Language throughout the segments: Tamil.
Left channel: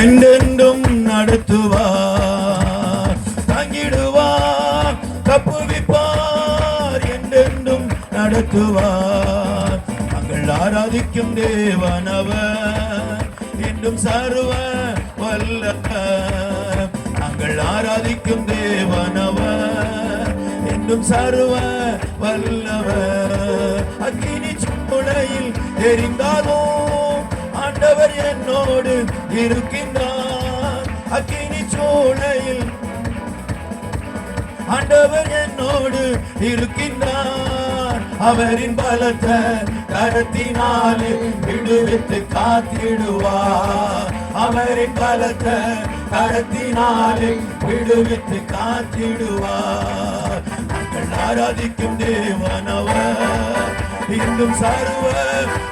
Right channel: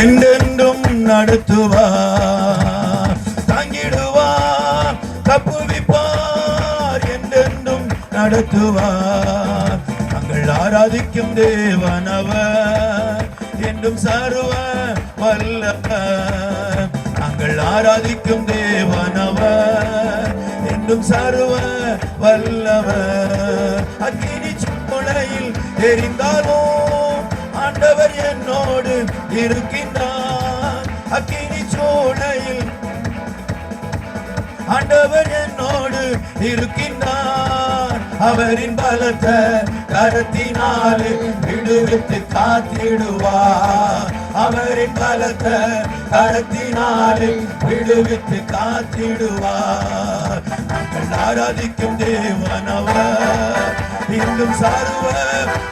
என்றென்றும் நடத்துவார், தங்கிடுவார், தப்புவிப்பார், என்றென்றும் நடத்துவார். நாங்கள் ஆராதிக்கும் தேவனவர் என்றும் சர்வ வல்லவர். நாங்கள் ஆராதிக்கும் தேவனவர் என்றும் சர்வ வல்லவர். அக்கினி சூளையில் எரிந்தாலும் ஆண்டவர் என்னோடு இருக்கின்றார். அக்கினி சூளையில் ஆண்டவர் என்னோடு இருக்கின்றார். அவரின் பலத்த கரத்தினாலே விடுவித்து காத்திடுவார். அவரின் பலத்த கரத்தினாலே விடுவித்து காத்திடுவார். நாங்கள் ஆராதிக்கும் தேவனவர் இன்னும் சர்வ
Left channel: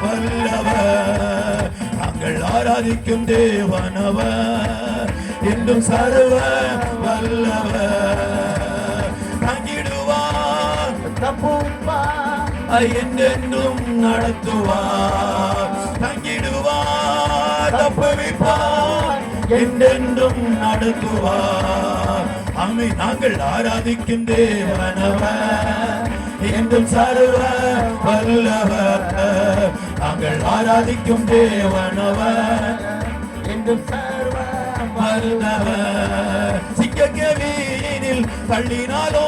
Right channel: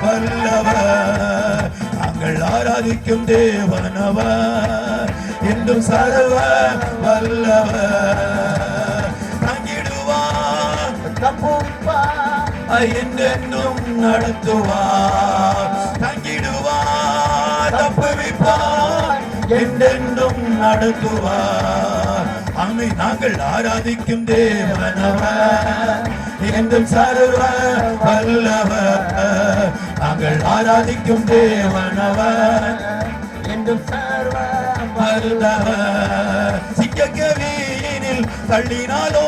வல்லவர். நாங்கள் ஆராதிக்கும் தேவனவர் இன்னும் சர்வ வல்லவர். தங்கிடுவார், தப்புவிப்பார், என்றென்றும் நடத்துவார். தங்கிடுவார், தப்புவிப்பார், என்றென்றும் நடத்துவார். அம்மை நாங்கள் ஆராதிக்கும் தேவனவர் என்றும் சர்வ வல்லவர். நாங்கள் ஆராதிக்கும் தேவனவர் என்றும் சர்வ வல்லவர். சிங்கக்கவியினில் தள்ளினாலோ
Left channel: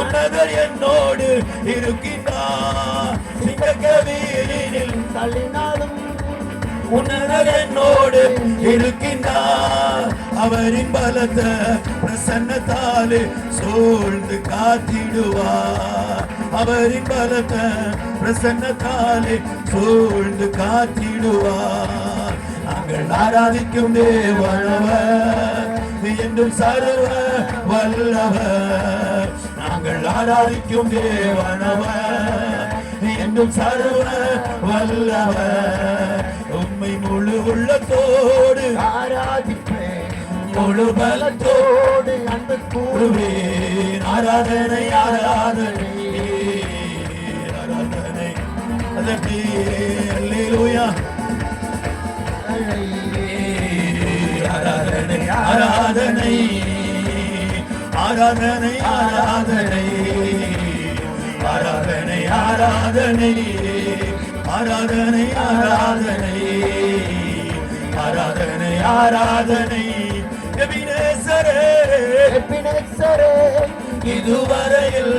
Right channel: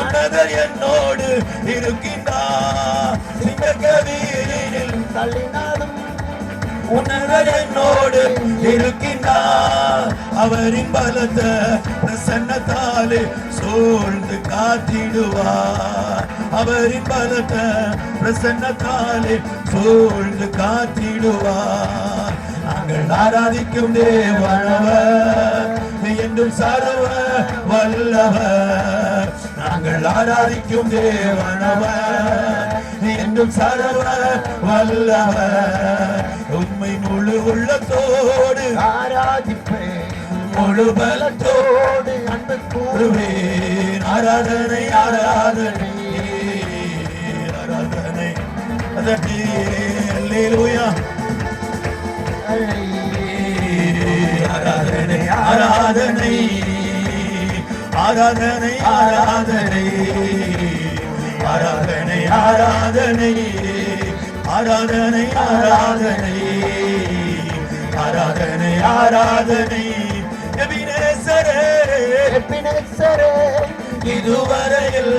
உன்னதர் என்னோடு இருக்கின்றார். சிங்கக்கவியினில் தள்ளினாலும் உன்னதர் என்னோடு இருக்கின்றார். அவரின் பலத்த பிரசன்னத்தாலே சூழ்ந்து காத்திடுவார். அவரின் பலத்த பிரசன்னத்தாலே சூழ்ந்து காத்திடுவார். நாங்கள் ஆராதிக்கும் தேவனவர் என்றும் சர்வ வல்லவர். நாங்கள் ஆராதிக்கும் தேவனவர் என்றும் சர்வ வல்லவர். உம்மை முழு உள்ளத்தோடு ஆராதிப்பேன், முழு பலத்தோடு அன்பு கூறுவேன். ஆராதனை ஆராதனை ஆராதனை அல்லேலூயா. ஆராதனை ஆராதனை ஆராதனை ஆராதனை ஆராதனை ஆராதனை ஆராதனை ஆராதனை ஆராதனை ஆராதனை. எபினேசரே எபினேசரே இதுவரையில்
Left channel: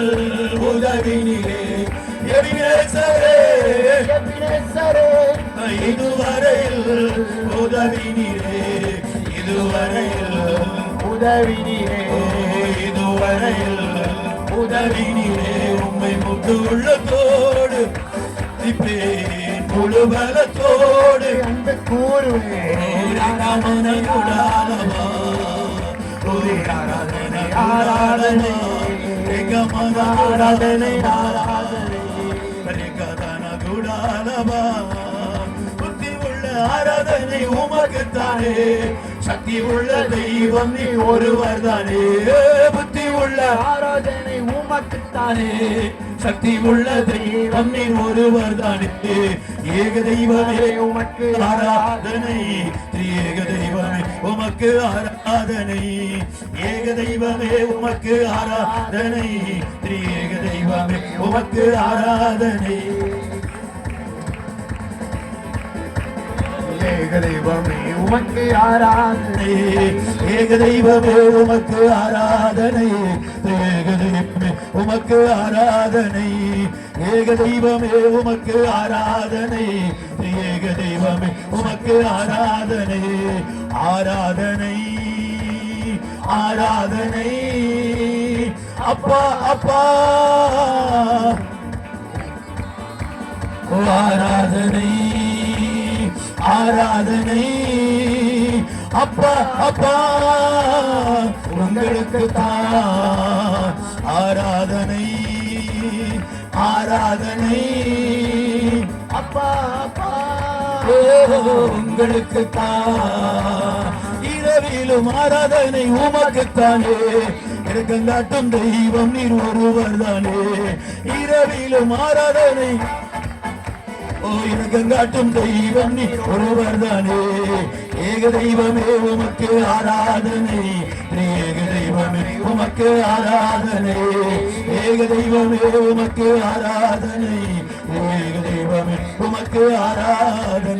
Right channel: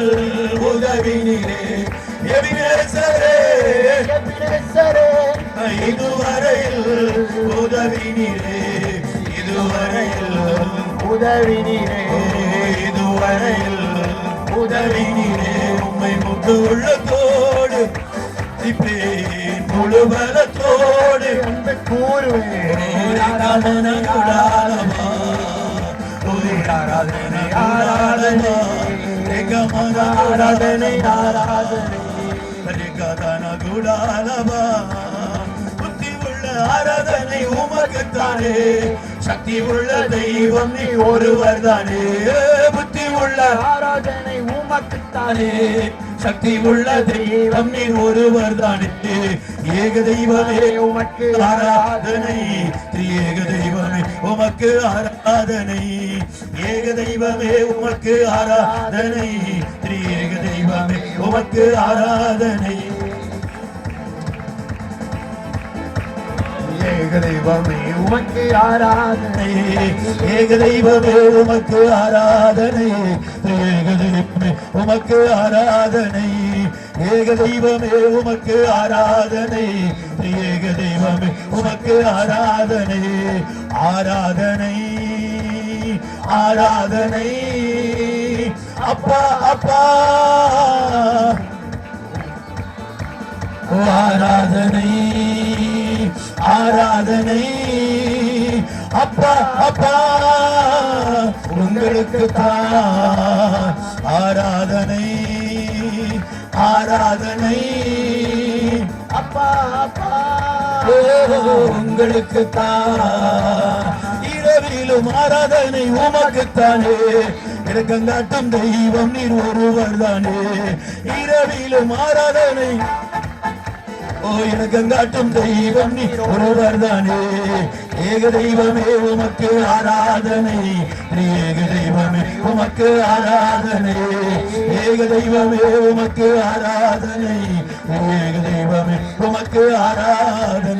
உதவினீரே. எபினேசரே எபினேசரே இதுவரையில் உதவினீரே. இதுவரையில் உதவினீரே. இதுவரையில் உதவினீரே. உம்மை முழு உள்ளத்தோடு முழு பலத்தோடு அன்பு கூறுவேன். ஆராதனை ஆராதனை ஆராதனை ஆராதனை ஆராதனை. புத்தி உள்ள ஆராதனை உமக்குத்தானே. சக்தி உள்ள தெய்வம் நீ ஒருவர் தானே. புத்தி உள்ள ஆராதனை உமக்குத்தானே. சக்தி உள்ள தெய்வம் நீ ஒருவர் தானே. ஏக தெய்வமே உமக்கு ஆராதனை. திரியேக தெய்வமே உமக்கு ஆராதனை. ஏக தெய்வமே உமக்கு ஆராதனை. திரியேக தெய்வமே உமக்கு ஆராதனை. ஏக தெய்வமே உமக்கு ஆராதனை. ஏக தெய்வமே உமக்கு ஆராதனை. ஏக தெய்வமே உமக்கு ஆராதனை. ஏக தெய்வமே உமக்கு ஆராதனை. ஏக தெய்வமே உமக்கு ஆராதனை. ஆராதனை ஆராதனை அப்பா அப்பா. ஆராதனை ஆராதனை அப்பா அப்பா. உங்களுக்கு தான் ஆராதனை ஆராதனை அப்பா அப்பா. உங்களுக்கு தான் இரவிலும் ஆராதனை உமக்குத்தானே. இரக்கங்காட்டும் தெய்வம் நீர் ஒருவர் தானே. இரவிலும் ஆராதனை இரக்கங்காட்டும் தெய்வம் நீ ஒருவர் தானே. ஏக தெய்வமே உமக்கு ஆராதனை ஏக தெய்வமே உமக்கு ஆராதனை ஏக தெய்வமே உமக்கு ஆராதனை ஏக தெய்வமே உமக்கு ஆராதனை